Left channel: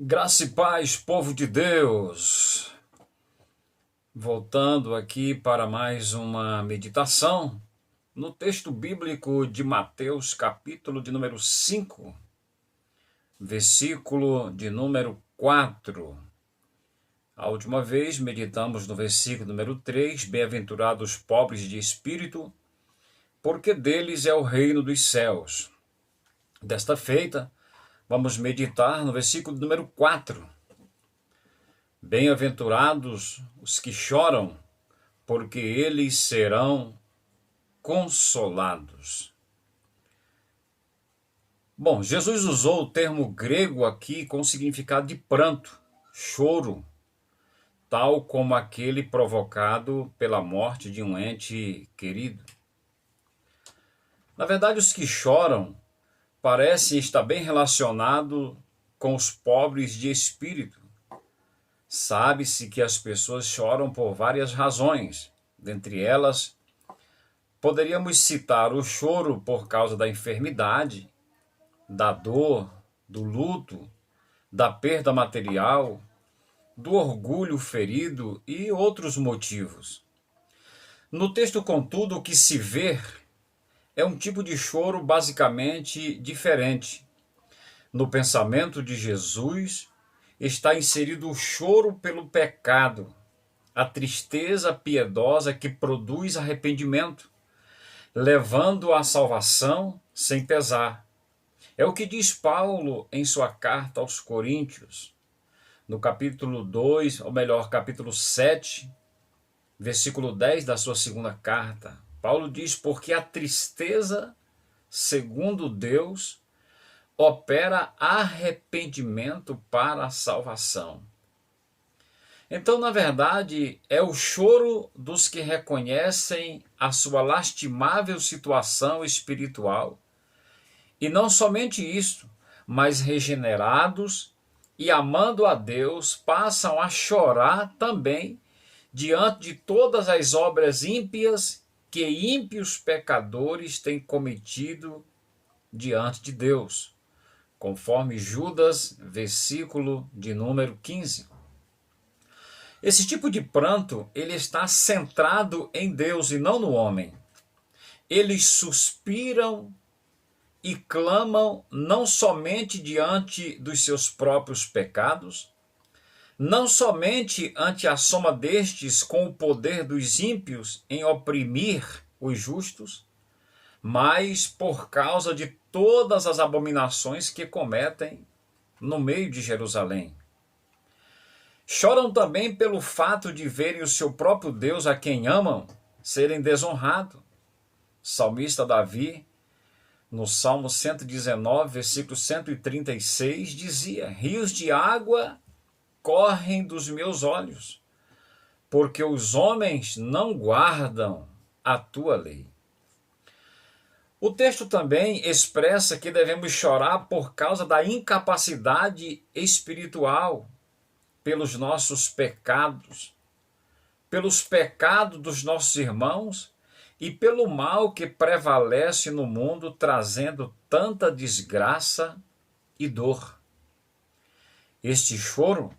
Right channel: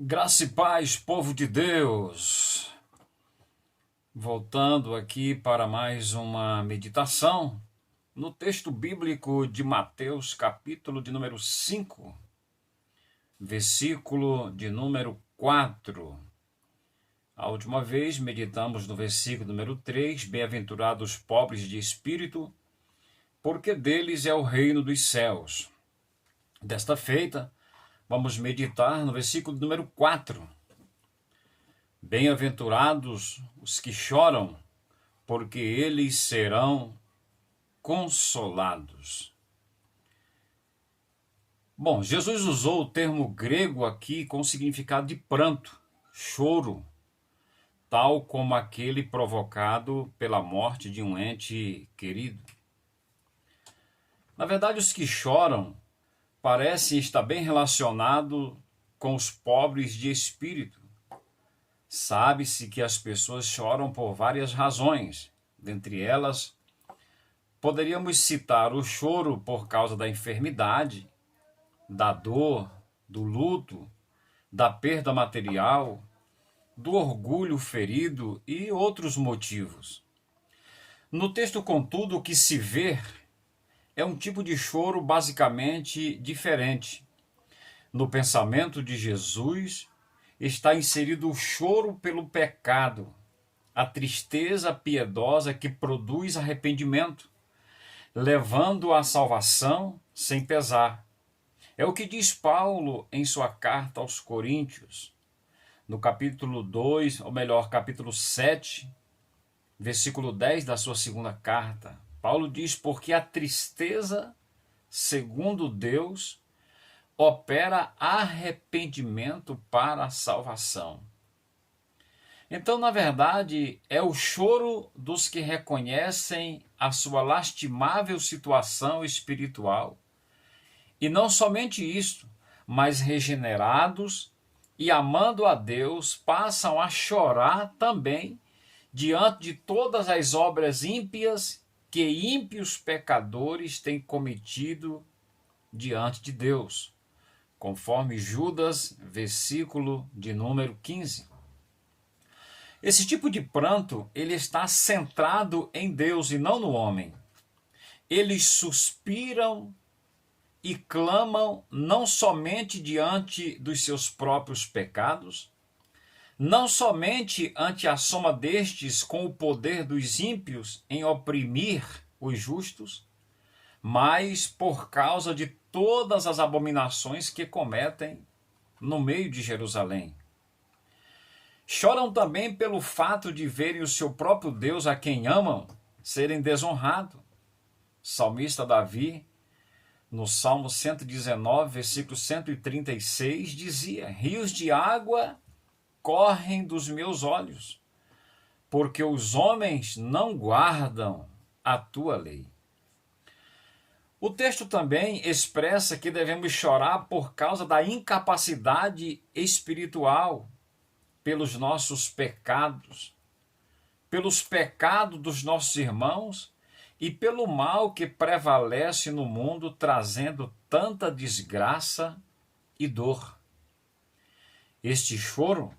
Graça e paz, povo de Deus. Voltando aqui para mais uma meditação no texto bíblico de Mateus, capítulo de número 5, versículo de número 4. A última vez meditamos no versículo número 3, bem-aventurados os pobres de espírito, porque deles é o reino dos céus. Desta feita, vamos meditar no versículo número 4. Bem-aventurados os que choram, porque eles serão consolados. Bom, Jesus usou o termo grego aqui com o significado de pranto, choro, tal como aquele provocado pela morte de um ente querido. Na verdade, os que choram parecem estar bem relacionados com os pobres de espírito. Sabe-se que as pessoas choram por várias razões. Dentre elas, poderíamos citar o choro por causa da enfermidade, da dor, do luto, da perda material, do orgulho ferido e outros motivos. No texto, contudo, o que se vê é um tipo de choro basicamente diferente. No pensamento de Jesus, está inserido o choro pelo pecado, a tristeza piedosa que produz arrependimento, levando à salvação sem pesar. É o que diz Paulo em sua carta aos Coríntios, no capítulo 2, ou melhor, capítulo 7, versículo 10 da sua segunda carta. Paulo diz: porque a tristeza, segundo Deus, opera arrependimento para a salvação. Então, na verdade, é o choro dos que reconhecem a sua lastimável situação espiritual. E não somente isso, mas regenerados e amando a Deus, passam a chorar também diante de todas as obras ímpias que ímpios pecadores têm cometido diante de Deus, conforme Judas, versículo de número 15. Esse tipo de pranto, ele está centrado em Deus e não no homem. Eles suspiram e clamam não somente diante dos seus próprios pecados, não somente ante a soma destes com o poder dos ímpios em oprimir os justos, mas por causa de todas as abominações que cometem no meio de Jerusalém. Choram também pelo fato de verem o seu próprio Deus, a quem amam, serem desonrados. O salmista Davi, no Salmo 119, versículo 136, dizia: rios de água correm dos meus olhos, porque os homens não guardam a tua lei. O texto também expressa que devemos chorar por causa da incapacidade espiritual, pelos nossos pecados, pelos pecados dos nossos irmãos e pelo mal que prevalece no mundo, trazendo tanta desgraça e dor. Este choro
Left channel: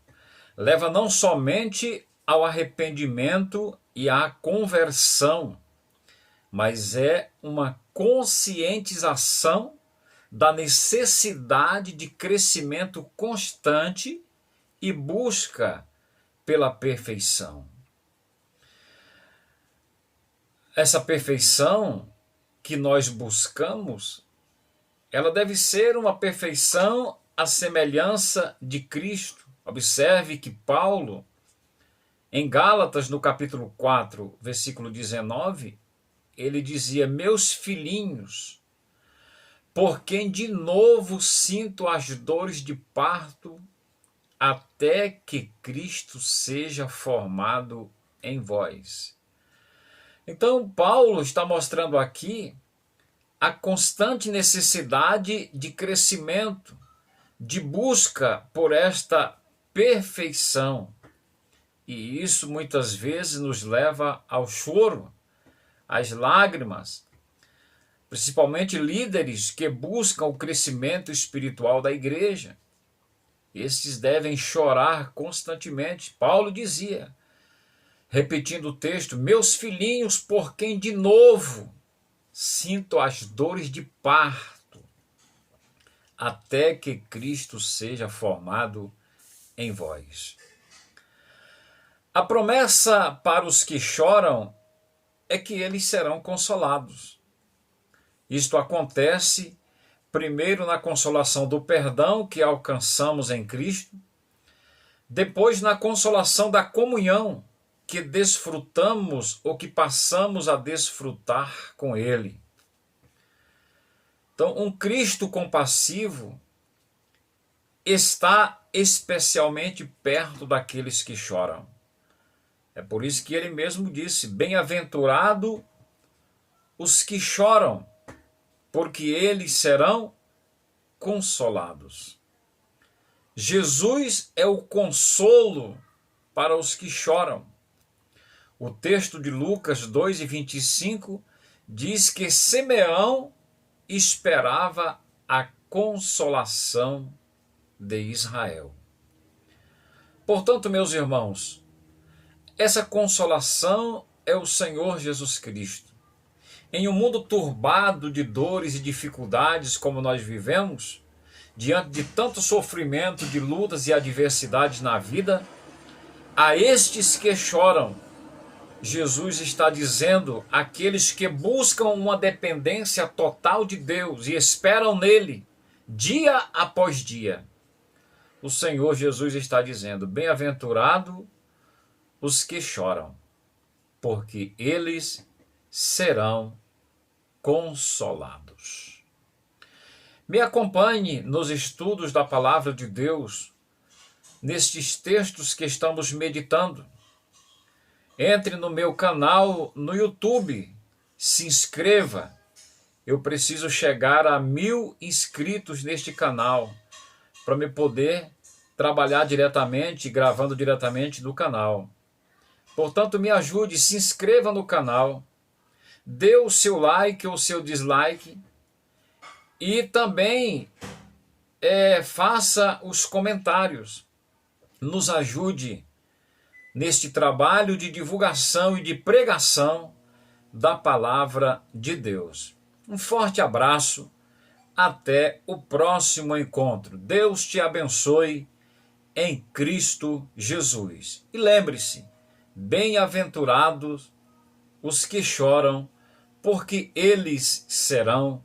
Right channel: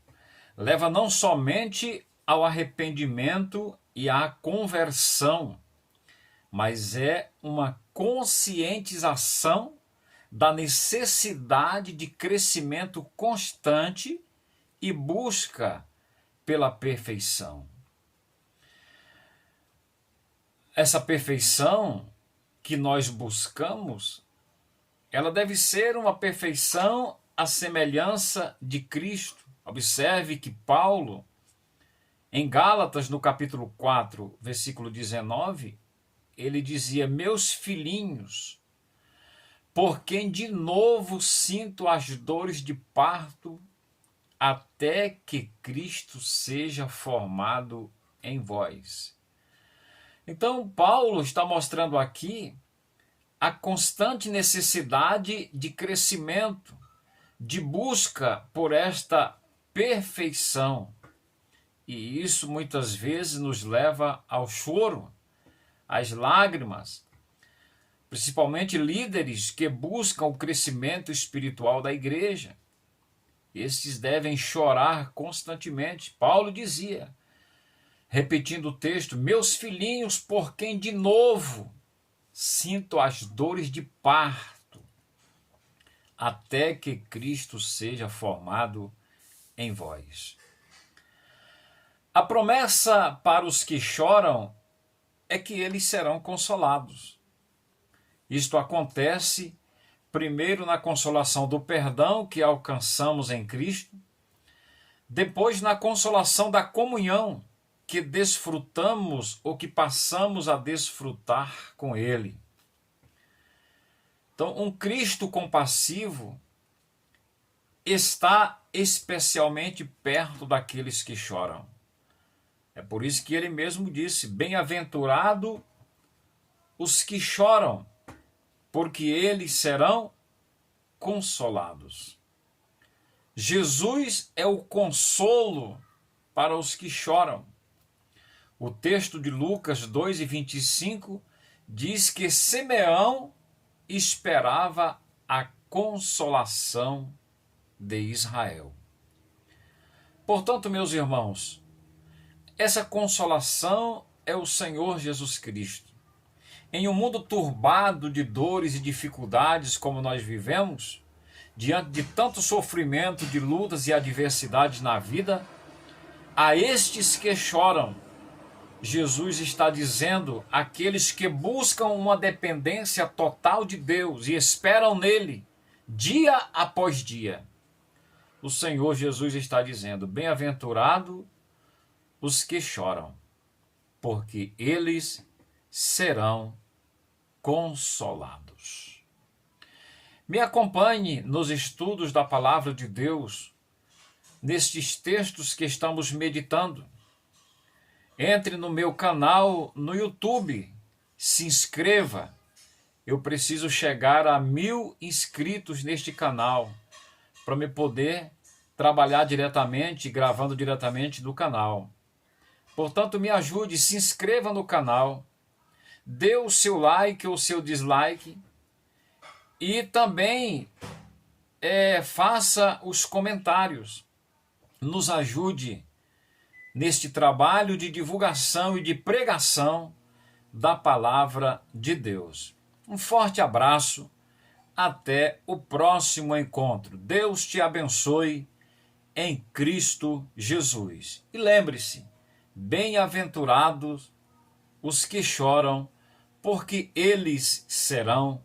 leva não somente ao arrependimento e à conversão, mas é uma conscientização da necessidade de crescimento constante e busca pela perfeição. Essa perfeição que nós buscamos, ela deve ser uma perfeição à semelhança de Cristo. Observe que Paulo, em Gálatas, no capítulo 4, versículo 19, ele dizia: meus filhinhos, por quem de novo sinto as dores de parto, até que Cristo seja formado em vós. Então, Paulo está mostrando aqui a constante necessidade de crescimento, de busca por esta perfeição. E isso muitas vezes nos leva ao choro, às lágrimas, principalmente líderes que buscam o crescimento espiritual da igreja. estes devem chorar constantemente. Paulo dizia, repetindo o texto, meus filhinhos, por quem de novo sinto as dores de parto, até que Cristo seja formado em vós. A promessa para os que choram é que eles serão consolados. Isto acontece primeiro na consolação do perdão que alcançamos em Cristo, depois na consolação da comunhão que desfrutamos ou que passamos a desfrutar com Ele. Então, um Cristo compassivo está especialmente perto daqueles que choram. É por isso que ele mesmo disse, bem-aventurado os que choram, porque eles serão consolados. Jesus é o consolo para os que choram. O texto de Lucas 2:25 diz que Simeão esperava a consolação de Israel. Portanto, meus irmãos, essa consolação é o Senhor Jesus Cristo. Em um mundo turbado de dores e dificuldades como nós vivemos, diante de tanto sofrimento, de lutas e adversidades na vida, a estes que choram, Jesus está dizendo àqueles que buscam uma dependência total de Deus e esperam nele, dia após dia. O Senhor Jesus está dizendo, bem-aventurado os que choram, porque eles serão consolados. Me acompanhe nos estudos da Palavra de Deus, nestes textos que estamos meditando. Entre no meu canal no YouTube, se inscreva. Eu preciso chegar a 1000 inscritos neste canal, para me poder trabalhar diretamente, gravando diretamente do canal. Portanto, me ajude, se inscreva no canal, dê o seu like ou seu dislike e também faça os comentários. Nos ajude neste trabalho de divulgação e de pregação da Palavra de Deus. Um forte abraço, até o próximo encontro. Deus te abençoe em Cristo Jesus. E lembre-se, bem-aventurados os que choram, porque eles serão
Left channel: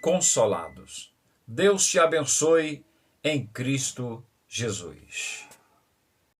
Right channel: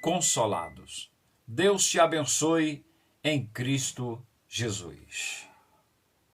consolados. Deus te abençoe em Cristo Jesus.